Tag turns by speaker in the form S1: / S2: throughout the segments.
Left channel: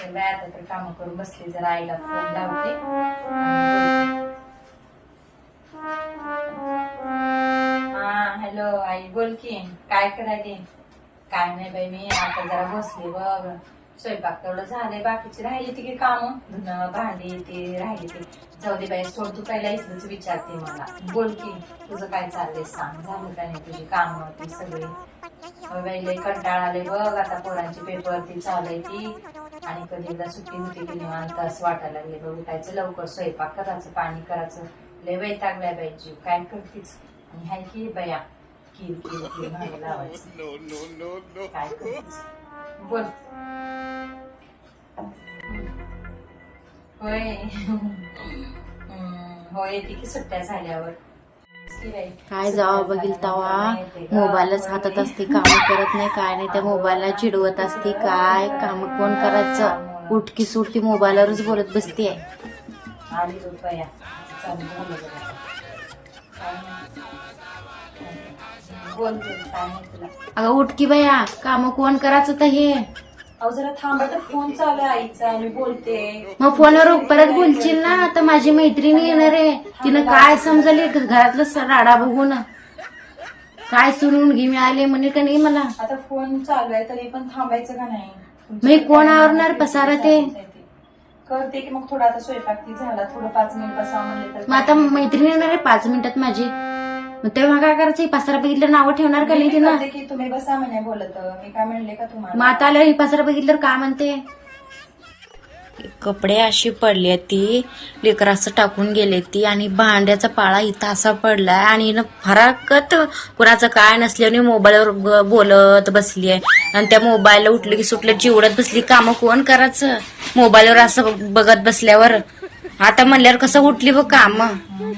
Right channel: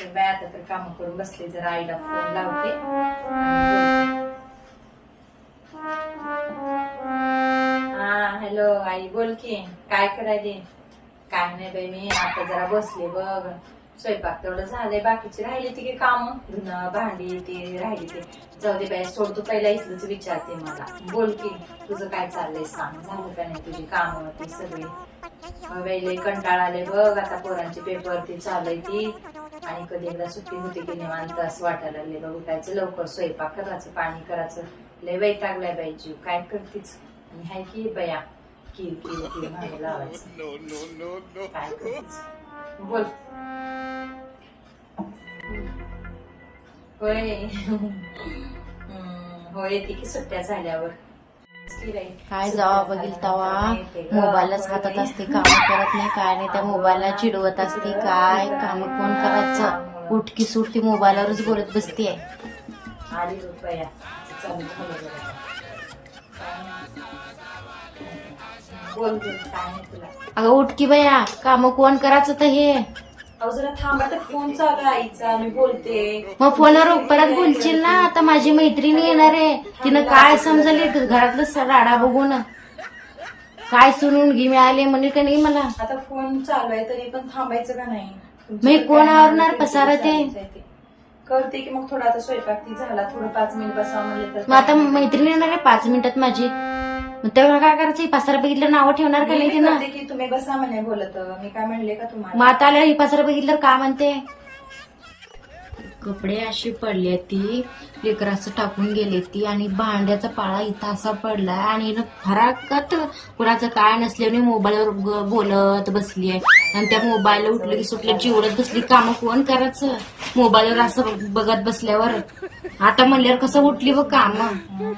S1: तर बाय आता तर काम करून बसले जरा आईला फोन लावते हा हॅलो आई बोल की काय करायले काय नाही बाई मी आता जरा बसले बघ स्वयंपाक तेवढं झालंय बाकीची राहिली ती की काम धुणं भांडी ती राहिली ती. जाऊ दे बाई सोड तू पहिला इथलंच विचारते मला. बोल की तुझं काय चाललंय सांग. झालं काय नाही तुझी काम ती सगळी? मग बाई कंटाळा आले बघ. आता पोरांची पेपर ती चालू ती. आणि कधी एकदा सुट्टी होती की निवांत असं वाटायला लागले बघ. उठायचं लवकर स्वयंपाक करायचं पाणी करायचं. लय वैतागलाय बाई जीव. काय करतीच आणि हाय की बया? लावायचं काय बोल होय हम्म, होय की सुट्ट्या झाल्यावर
S2: काय जावा बघील तवा मोबाईलच हातात असते काम करत नाही काय नाही त्या मोबाईलला चिडवत असते काय काम कोण करायचं उठकी सुटती मोबाईलवरच बोलत बसते
S1: आली रुपया
S2: अगं उठकी बया काम कोण करायचं तर हे.
S1: अहो जरा थांबा तर फोन चालू आहे आईचा मी बोलते.
S2: मग फोनवर परत बोलशील ना आता माझी मैत्रिणी येणार आहे. तिनं काय समजले घरातलं राडा बघून. काय सुनून घे मिळाले म्हणे का नाही मला.
S1: आता फोन चालू आहे तरी पण थांबायचं का नाही?
S2: हे कोण आवरणार पसारा ते?
S1: करते की मग थोडा आता स्वयंपाक झाला थोडं पाच मिनिट म्हणले
S2: मग आता मैत्रिणी येणार आहे पाच मिनिटात माझी. मग तेव्हा काय करायचं? हे पसारा बघितलं नावं ठेवणार का नाही तिनं?
S1: की तुम्ही बसा म्हणे बोलत. मी काय म्हणले का
S2: मग
S1: तुम्हाला
S2: आता आल्यावर ही पसारा बघितलं का म्हणते? कपडे अशी पडली ती. लेकराचं टाकून गेले ती आणि भांड्याचा पाळा इथं असा पडलाय आणि हिनं फराकत कुणाचं काय नसल्याने मोबाईलवर ब- बोलत बसली आहे आणि त्या मोबाईलला उठलं की सुटलं चिवडत बसली. कामं कोण करायचं? मोबाईलवर असं बघत बसल्यावर. आता म्हणल्यावर कसं उठली बघ कामं.
S1: मग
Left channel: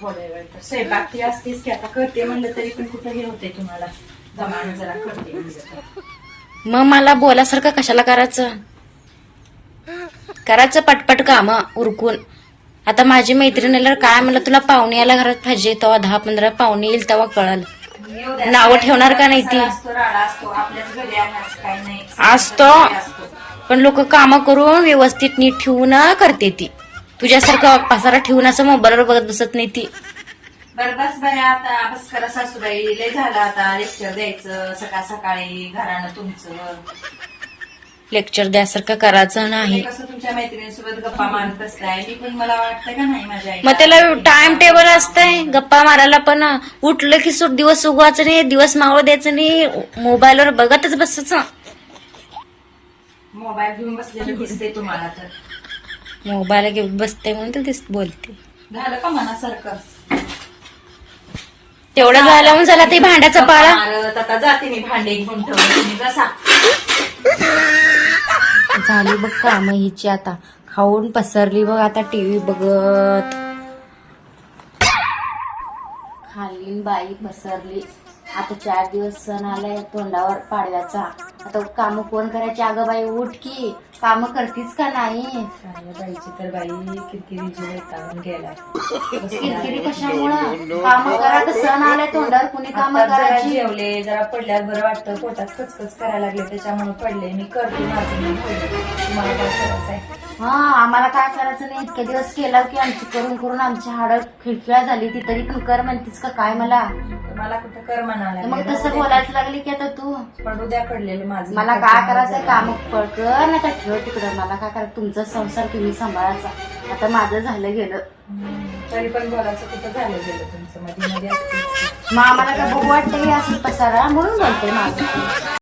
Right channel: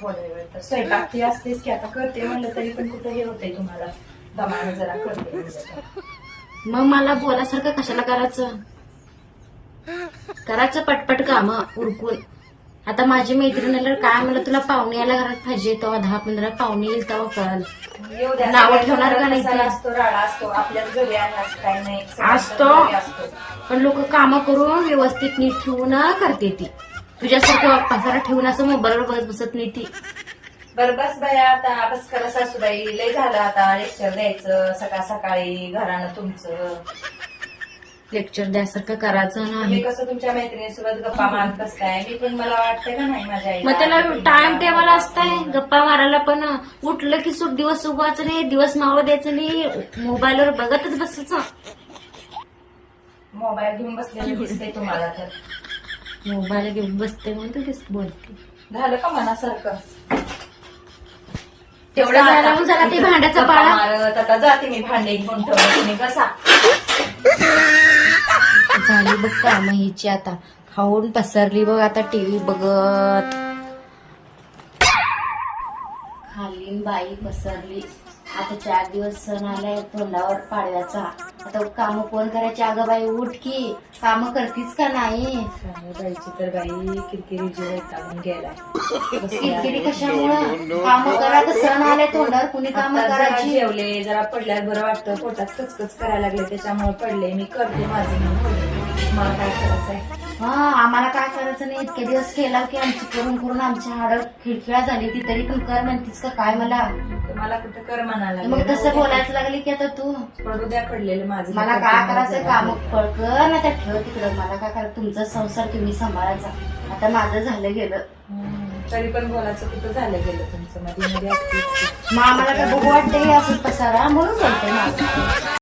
S1: थोड्या वेळ तर. स्वयंपाक ती असतेच की आता करते म्हणलं तरी पण कुठं हे होतंय तुम्हाला? दमाने जरा करते म्हणलं तर.
S2: मग मला बोलासारखं कशाला करायचं? करायचं पटपट काम उरकून. आता माझी मैत्रीण आल्यावर काय म्हणलं तुला पाहुणे यायला घरात पाहिजे तेव्हा दहा पंधरा पाहुणे येईल तेव्हा कळल. नावं ठेवणार का नाही ती?
S1: असतो.
S2: पण लोक काम करून व्यवस्थित नीट ठेवून करते ती. तुझ्यासारखं पसारा ठेवून असं मोबाईलवर बघत बसत नाही ती.
S1: बरं बस बाया आता बस करा सासूबाई. लय झालं आता लेक्चर द्यायचं सकाळ सकाळी घरानं तुमचं.
S2: लेक्चर द्यासारखं करायचं नाही.
S1: कसं तुमच्या मैत्रिणीसोबत गप्पा मारत बसताय? मी पण मला वाटतं का नाही माझ्या आईला
S2: मग त्याला टाइम टेबल असतंय. गप्पा मारायला पण उठलं की सुट दिवस उगवायचं नाही दिवस मावळ द्यायचं नाही मोबाईलवर बघतच बसायचं.
S1: मोबाईल घेऊन दिसते तुम्हाला तर.
S2: मोबाईल घेऊन बसते म्हणून तू दिस बोलते.
S1: झालं का मनासारखं?
S2: तेवढं झालं. म्हणून झाला ते भांड्याचा पाळा?
S1: आता जाते मी भांडे घेऊन ठेवलं तुम्ही कसा
S2: झाली बघ काम हिची आता. खाऊन पसरली बघ आता टीव्ही बघत. खाली बाई पसरली. आता चार दिवस सण आलाय तोंडावर पाडव्याचा. आता काम कोण करायची? अगं बाई उठ की. काम करतीस का नाही?
S1: बाईची तर बाई किरकिरी जीव वैतागून गेलाय.
S2: किरकिरी कशामुळं? काम करा तर सण आलाय तोंडावर कुणी काम
S1: आता जरा
S2: करायची?
S1: जेवले जरा पडल्यावर बरं वाटतं. पोटात कचकच करायला लागले त्याच्यामुळे पडले. मी करते माझं मला काय करायचंय?
S2: हा आम्हाला काय करायचं नाही? इतके दिवस केला की आमची करून करून आमची हाडं खिळखिळा झाली. ती तरी पण कर म्हणतीस का? काय मला?
S1: मला कुठं कर म्हणाला
S2: मग तसं बोलायचं लागली की आता तू?
S1: पडू द्या पडलेलं माझं.
S2: मला काय करायचं. काम? कर ना त्या ठेव. तिकडं मला काय करायचं? तुमचा संसार तुम्ही सांभाळायचा. आता माझं झालं गेलं.
S1: तरी पण बोलायचं कुठं झालं गेलं तुमचं? मध्ये मध्ये असते
S2: मग आम्हाला काय बघू वाटतं हे असं पसारा? म्हणून बोलते माझं.